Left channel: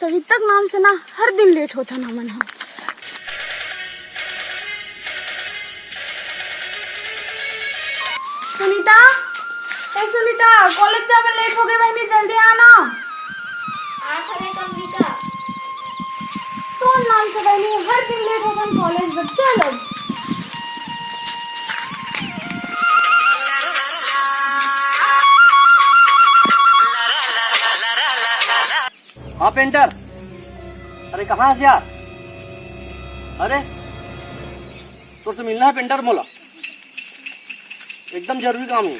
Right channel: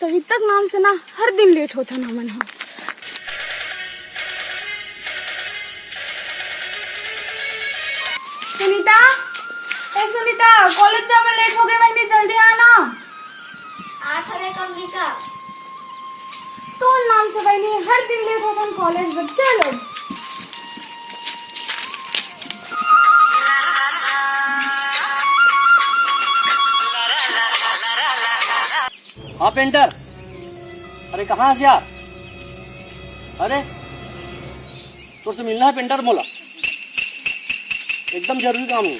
सवितक नाम से ना हर दिन लेट होता ना मन हो। सुनीता, सुनीता, कॉलेज जाने लेट हो गए बहनी, जल्दी आना। तो नाम से बहनी हर दिन लेट होता कॉलेज में। चलो हाँ पेंटर, अरे कहाँ से यार? अरे तुझसे मिलना है पेंटर, मोला एकदम जरूरी काम है।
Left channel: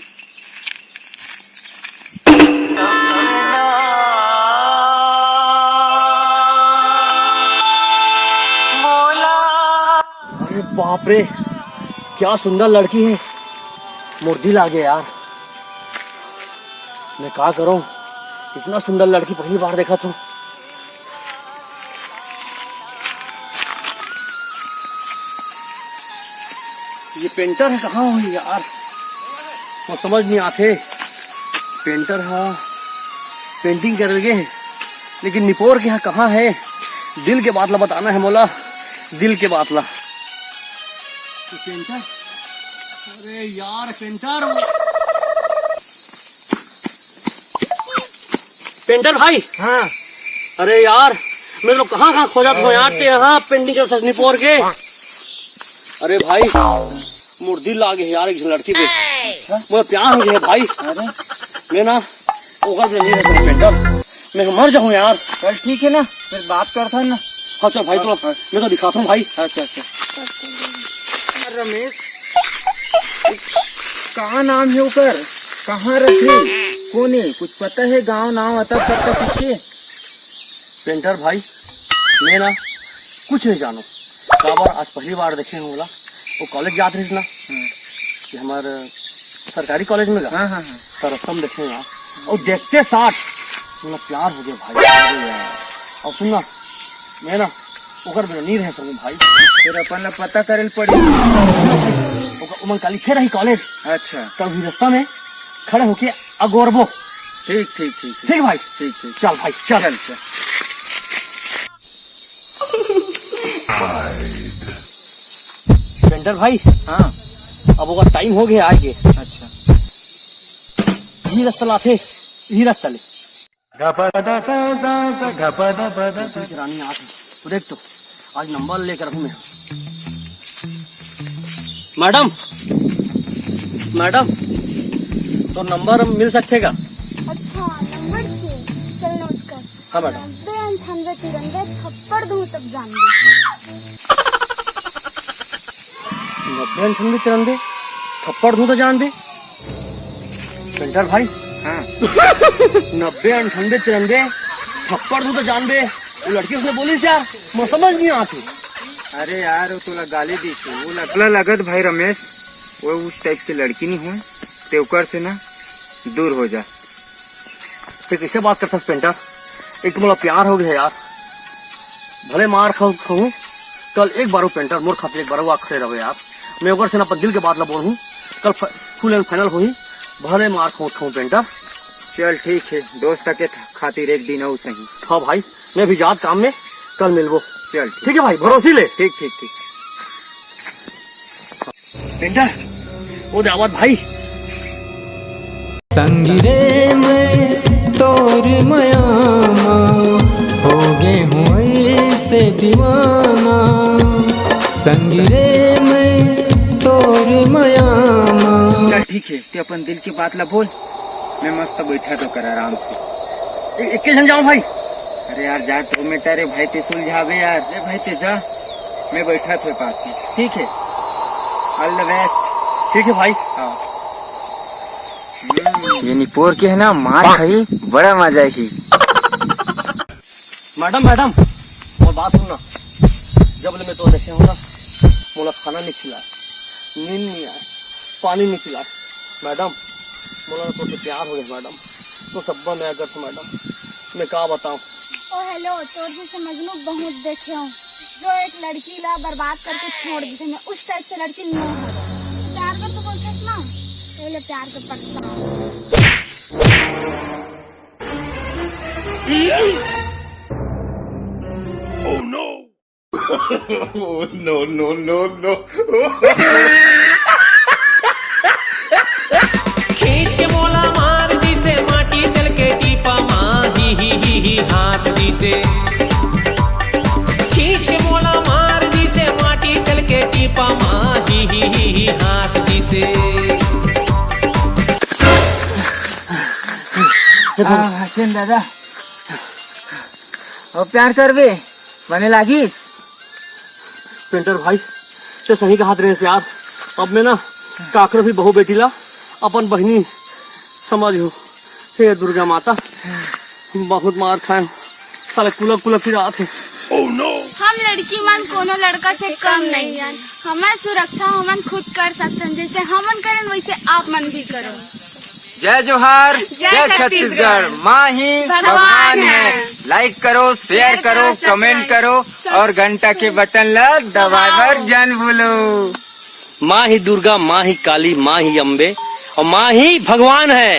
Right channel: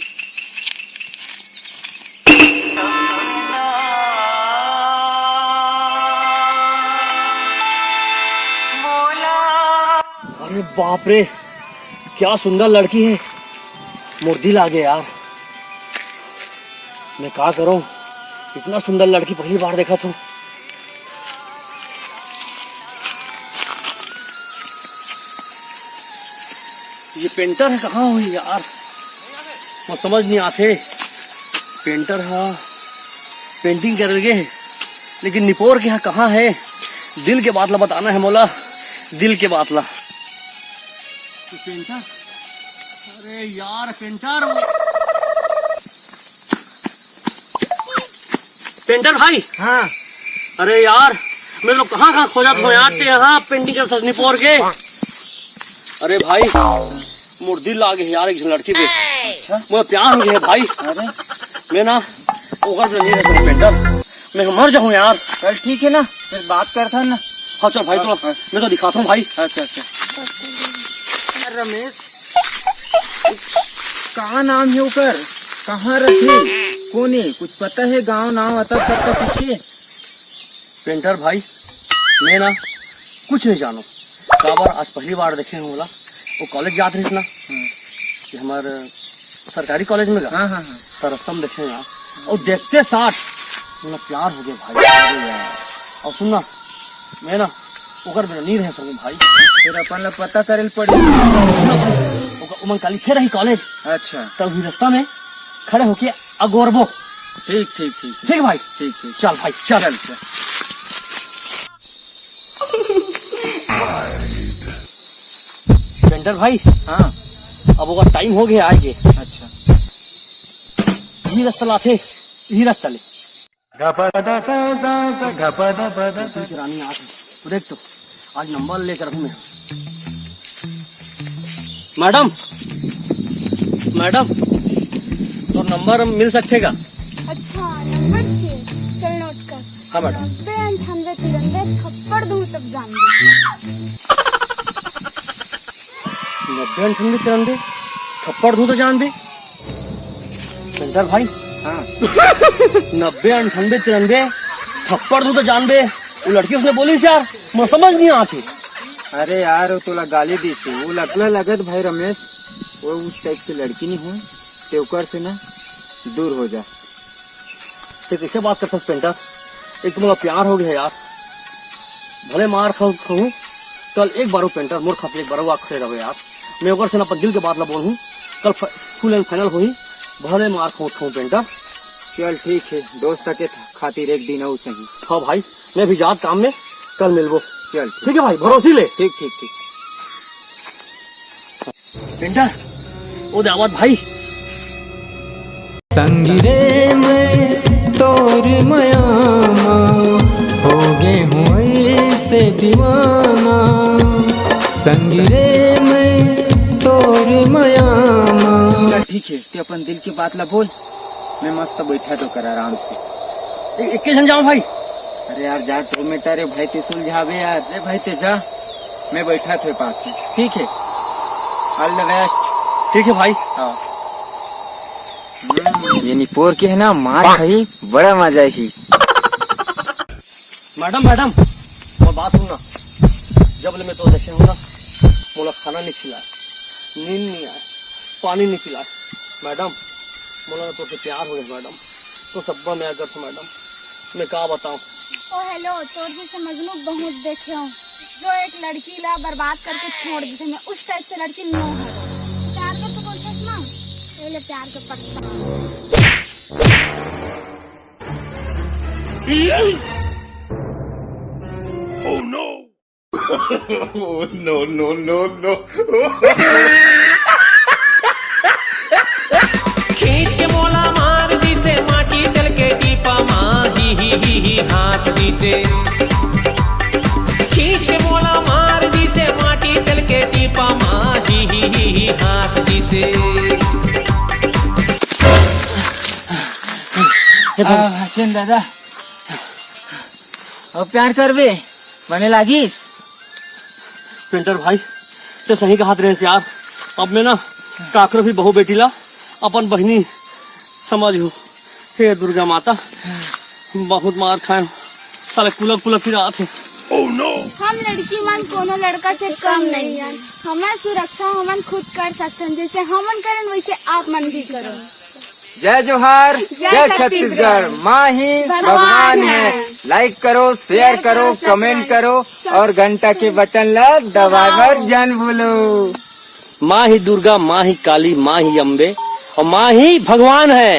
अरे बाप रे, क्या सुंदर लड़की है, मुर्दी लागे यार। मैं क्या करूं, इतना सुंदर लड़की पहली बार देखा तो। ये पेंटर है कहाँ हुई यार, वो समझ नहीं आते। पेंटर हाँ पेंटिंग कर लगे, लेकिन निपोर के यहाँ कहाँ है? दिल के बातला बताना है मोला, दिल के बातला। पेंटर, अरे यार पेंटर, पेंटर भाई। हाँ अरे यार मैं लोग कहाँ कहाँ खोजा था यार, यहाँ पेंटिंग कर निपोर के। अरे भाई मुर्दी लागे यार एक लड़की पे, मुझे प्यार हो गया भाई। अरे मैं ना ओकर नहीं रह सकता पेंटर, मैं मर जाऊँ यार। चल ठीक है ना, फिर बात करता ना। हाँ चल भाई, चलो मैं तो दिखाता हूँ भाई। अच्छा अच्छा रमेश, कहाँ नाम है ऊपर, कहाँ रखे कोने, कुछ पता है? गांव नाम अता पता पीछे? पेंटर भाई मैं ना कुछ नहीं जानू, काबर आज पहली बार देखे हैं बोला। वो कॉलेज जाते रही ना कि हमारे सरकारी कॉलेज में। हाँ हाँ तो रस्तम देखे यार, और देखते साथ मुझे प्यार हो गया भाई। और सुनना मैं ना ओकर बिना नहीं रह सकूं भाई, फिर अपन पता करे पड़ी। उमन का लिखे रही कॉलेज। अच्छा तभी रास्ता में खड़े होके अगोरबो। ठीक ठीक ठीक ठीक भाई, ठीक ठीक। चल भाई चल चल। पेंटर भाई हाँ अब ओका टाइम हो गया आए के। अच्छा यही रास्ता लाथे, यही रास्ता ले। रानी आते तो देख, तो आज नंबर लेकर हूँ मैं। मैडम मैडम तो नंबर मिल सकेगा? अच्छा नंबर चाहिए, चल नोट कर। हाँ मैडम। 90 98 93 थप्पड़ दूँ तब जान दे। 90 98 93 थप्पड़ दूँ तो जान दे। पेंटर भाई हाँ 90 98 93 थप्पड़ दूँ तो जान दे, वो लड़की उसने बोली यार, मैं समझ नहीं आती। अरे यार वो तोला गाली दी थी, वो लगला लगत भाई रमेश, वो उस टाइप की लड़की नहीं हुई, तेवकर से ना दूर हो जा। फिर कैसे बात करता पेंटर, एक तो मेरा प्यार हो गया यार, भले मार खाऊं कल एक बार पेंटर मोर खाते एक बार वो खड़े रहो यार। मैं ओकर से ना दिल के बात ला बोलूं, कल फुल एंड फाइनल हुई, भले मार खाऊं पेंटर। चल ठीक है, दोस्त के खातिर एक दिन हो सही। हाँ भाई मैं भी जात काम में, कल मिलबो। चल ठीक है भाई, भरोसी ले। ठीक ठीक ठीक। पेंटर वो दावत भाई। संगिरे में तोर मयामा हो गे हूँ ऐसे दीवाना, संगिरे में तोर मयामा। चल ठीक है, तो अपन दिल की बात ला बोल, मैं मस्त बैठा तो कर आराम से। एक जन जाऊं भाई? अरे यार जा तो मैं तेरे भाई ते सुलझावे यार। अरे भाई ते जा, मैं बैठा थे पास में। ठीक है, ऑल द बेस्ट। ठीक है भाई। हाँ ये निपोर के है ना, मार खाई बड़ा मजा ही। मैडम मैडम और बात सुनना, जब मैं तो देखे हूँ ना, मोला खाना नहीं खिलाए, नींद नहीं आए, पानी नहीं खिलाए। मैडम मोला तो प्यार हो गया मैडम, तो सब मैं अगर था मैडम, मैं क्या बताऊँ। ओ हेलो, तोर जैसे मजनू बहुत देखे हूँ, जो एक लड़की ला बर्बाद करके छोड़ देते हैं, उस टाइप से लड़की नो है। प्यार का तो बोलते ना, पहले प्यार के पटता हूँ। No, no, no, no. खींच के मोला मार दी से माटी तल के टीपा माँ ही हास दी से खींच के मोला मार दी से माटी तल के टीपा माँ ही हास दी से भाचन दादा अब प्यार करबे मने लागिस पेंटर भाई तो सही कहा रहे से आप अब मैं ना काकरो भी बहु बेटी ला अपन बहनी समझो हे दुर्गा माता बहुत मार खाए साले कुलक कुलक की रात है। हम लड़की मन कोनो लड़का से कम नहीं है। हमार सुरक्षा हमन खुद कर सकते हैं, जैसे हमन करें वैसे आप मन भी करो। जय जोहार, जय छत्तीसगढ़। माँ ही भगवान है। लाइक करो, शेयर करो, कमेंट करो और घंटा के बटन ला दबावर जन बोलो। माँ ही दुर्गा, माँ ही काली, माँ ही अम्बे और माँ ही भगवान है।